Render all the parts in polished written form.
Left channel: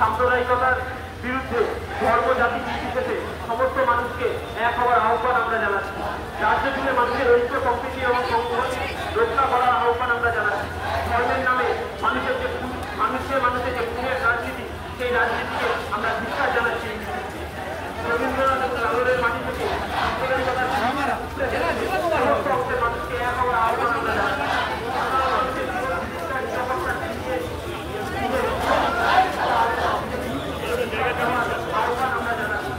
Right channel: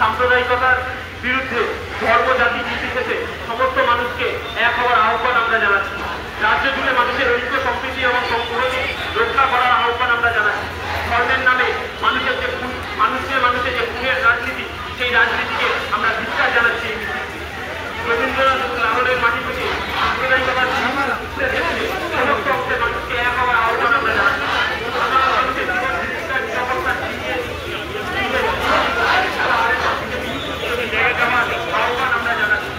সাম্প্রদায়িকতার বিরুদ্ধে ধর্ম জাতি নির্বিশেষে সমস্ত মানুষকে এক হওয়ার আহ্বান আমরা জানাচ্ছি। রাজ্য জুড়ে মানুষের ঐক্য সম্প্রীতি এবং সংহতি রক্ষা করার আহ্বান আমরা জানাচ্ছি। ধর্মের নামে মানুষের যে খুনের রাজনীতি, সেই রাজনীতিকে আমরা ধিক্কার জানাচ্ছি। রবীন্দ্রনাথ নাগরের মাটি থেকে সাম্প্রদায়িকতার সমস্ত অংশের মানুষকে এক হওয়ার আহ্বান আমরা জানাচ্ছি। আহ্বান আমরা জানাচ্ছি।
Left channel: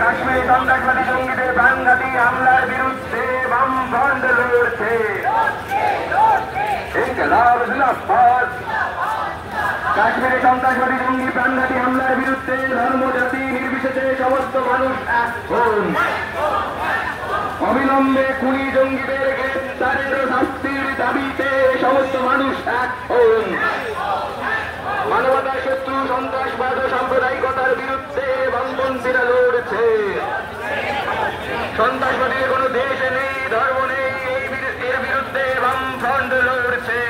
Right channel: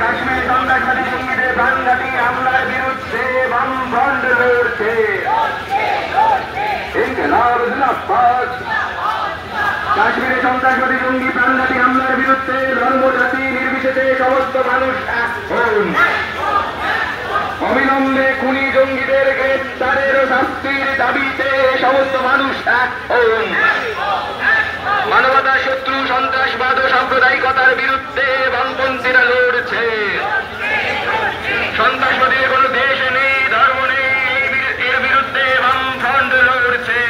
কাশ্মীর সন্ত্রাসবাদী জঙ্গিদের প্রাণঘাতী হামলার বিরুদ্ধে বামফ্রন্ট লড়ছে। ইনকিলাব জিন্দাবাদ। কাশ্মীরে সন্ত্রাসবাদী জঙ্গি প্রাণঘাতী হামলার বিরুদ্ধে ধর্ম জাতি নির্বিশেষে সমস্ত মানুষ এক হন। অবিলম্বে খুনি জঙ্গিদের গ্রেপ্তারের শাস্তির দাবিতে সমস্ত মানুষ এক হন। মানবতা শত্রু সন্ত্রাসবাদ ও সাম্প্রদায়িকতার বিরুদ্ধে বামপন্থীরা লড়ছে। সন্ত্রাসবাদীর কোনো দেশ নেই, ধর্ম নেই, এর বিরুদ্ধে বামফ্রন্ট লড়ছে।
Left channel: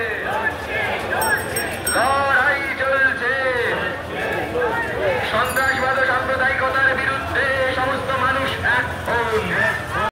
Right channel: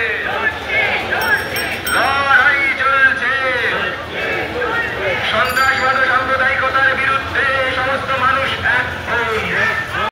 সন্ত্রাসবাদ ও সাম্প্রদায়িকতার